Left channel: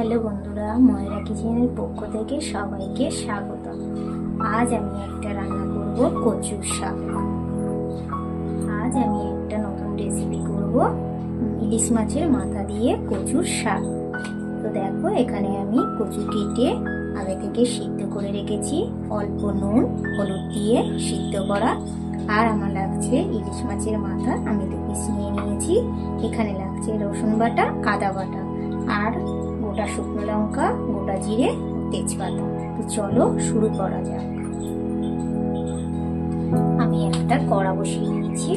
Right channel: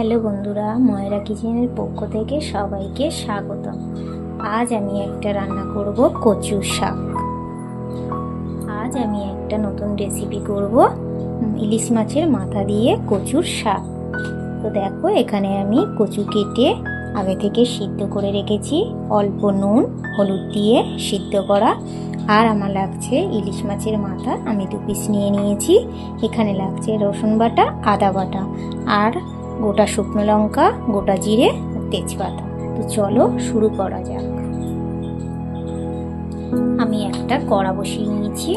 Hello বন্ধুরা, ময়রা কিচেনের পক্ষ থেকে সবাইকে স্বাগত। আজ আমি একটা রান্না করব কচুর শাক। আজ আমি একটা নতুন রেসিপি করব ইলিশ মাছের মাথা দিয়ে কচুর শাক। তো দেখো, এখানে আমি কচু কেটে আগে থেকে সিদ্ধ করে রেখেছি, অল্প নুন হলুদ দিয়ে সিদ্ধ করা। আর আমার লাগছে ইলিশ মাছের মাথা, আমি 2 পিস নিয়ে নিয়েছি। এখানে লাগছে রসুন বাটা, আদা বাটা, আর গোটা শুকনো লঙ্কা, গোটা জিরে, তেজপাতা। তো চলো শুরু করা যাক। আমি একটা কড়া বসিয়ে নিয়েছি,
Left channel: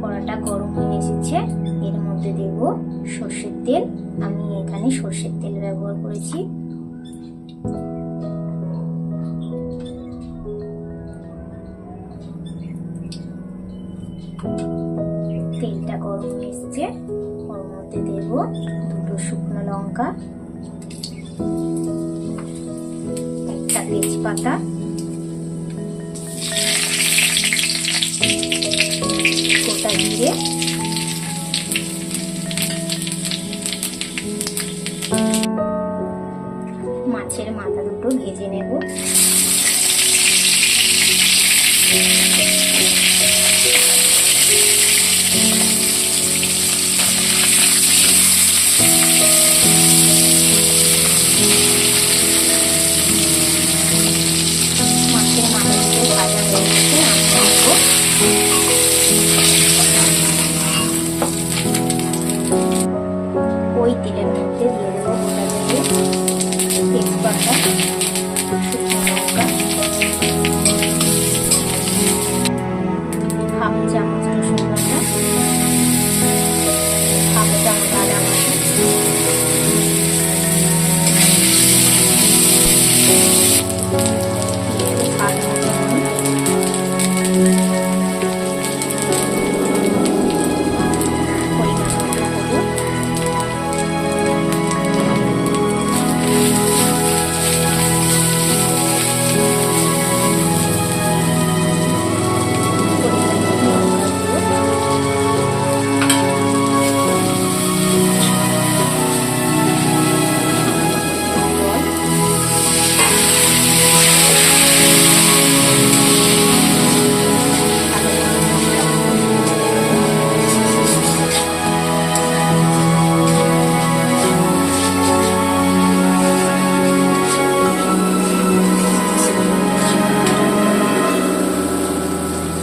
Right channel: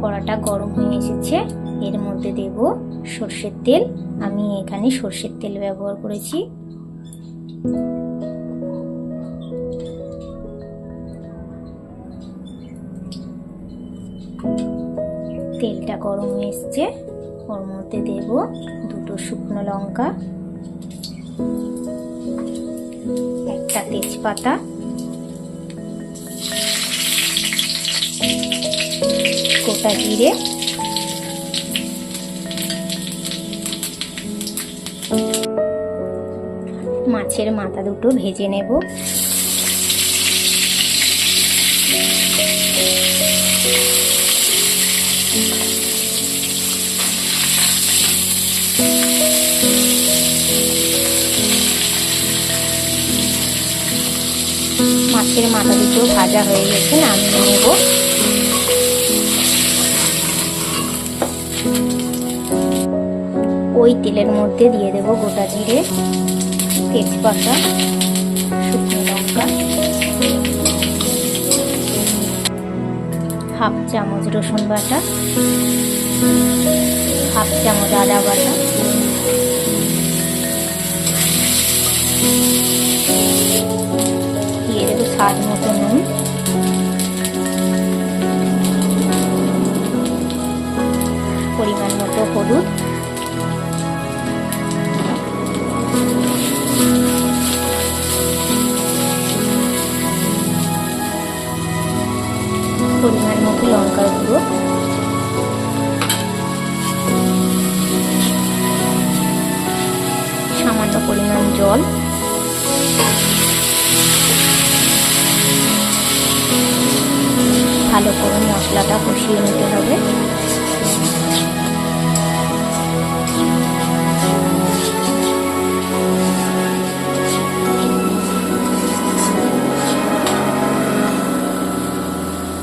কড়াটা গরম হয়ে এসেছে। এর মধ্যে দেব সর্ষের তেল। আমি এখানে সর্ষের তেল ব্যবহার করেছি। তেলটা গরম হয়ে এসছে, ওর মধ্যে দেব 2 শুকনো লঙ্কা, একটা তেজপাতা, গোটা জিরে, মাছের মাথা দুটো ভেজে নেব। মাছের মাথা দুটো ভাজা হয়ে গেছে, নামিয়ে নেব। ওই তেলের মধ্যে দিয়ে দেব গোটা জিরে, তেজপাতা, শুকনো লঙ্কা, হাফ চামচ রসুন বাটা, হাফ চামচ আদা বাটা, দিয়ে দেবো স্বাদ মতো নুন, পরিমাণ মতো হলুদ, পরিমাণ মতো লঙ্কার গুঁড়ো, সামান্য পরিমাণ জল, ভালো করে মশলাটা কষিয়ে নিতে হবে।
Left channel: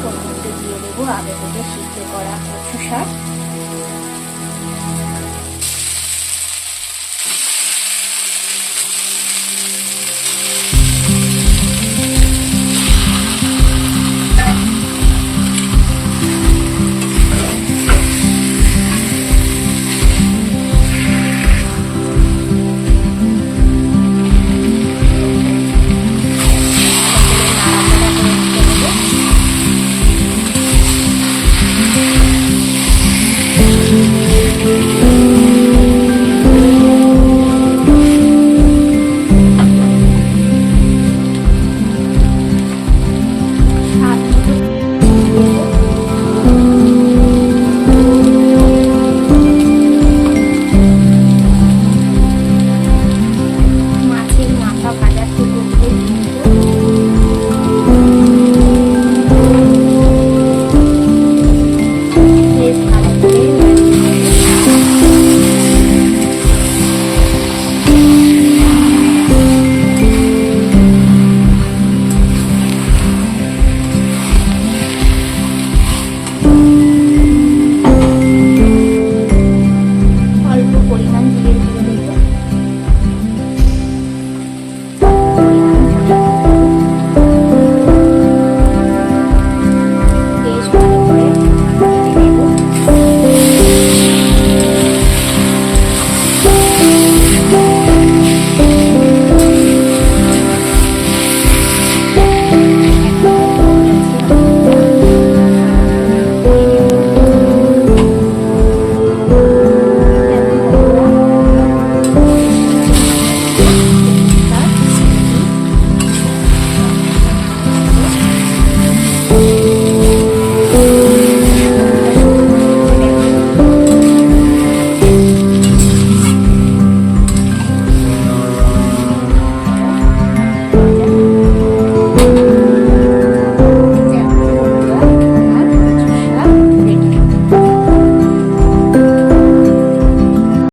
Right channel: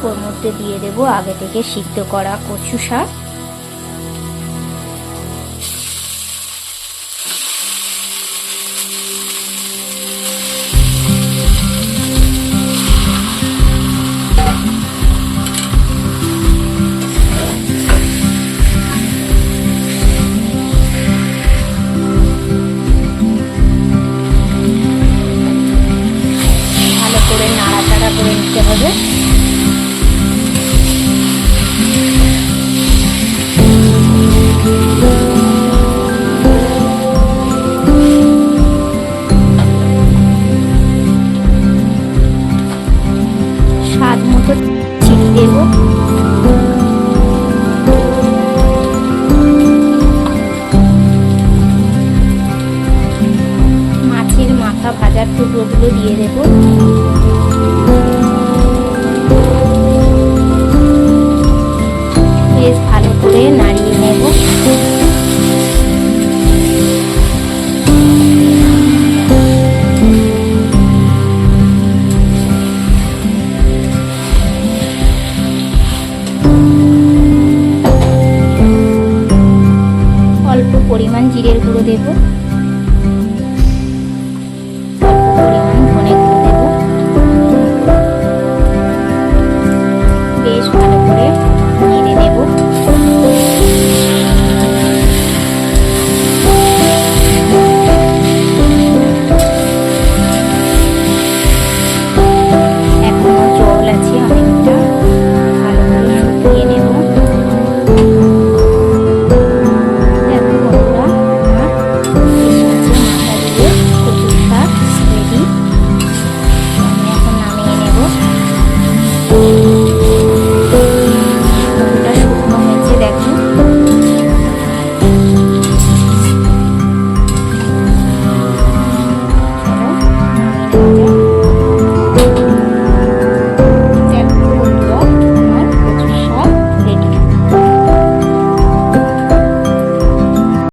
ওর মধ্যে দিয়ে দেবো আগে থেকে সিদ্ধ করা কচু শাক। মাছের মাথা ভাজার টুকরোগুলো দিয়ে দেবো। বেশ ভালো করে নাড়িয়ে নেব। অল্প পরিমাণ জিরের গুঁড়ো দেব।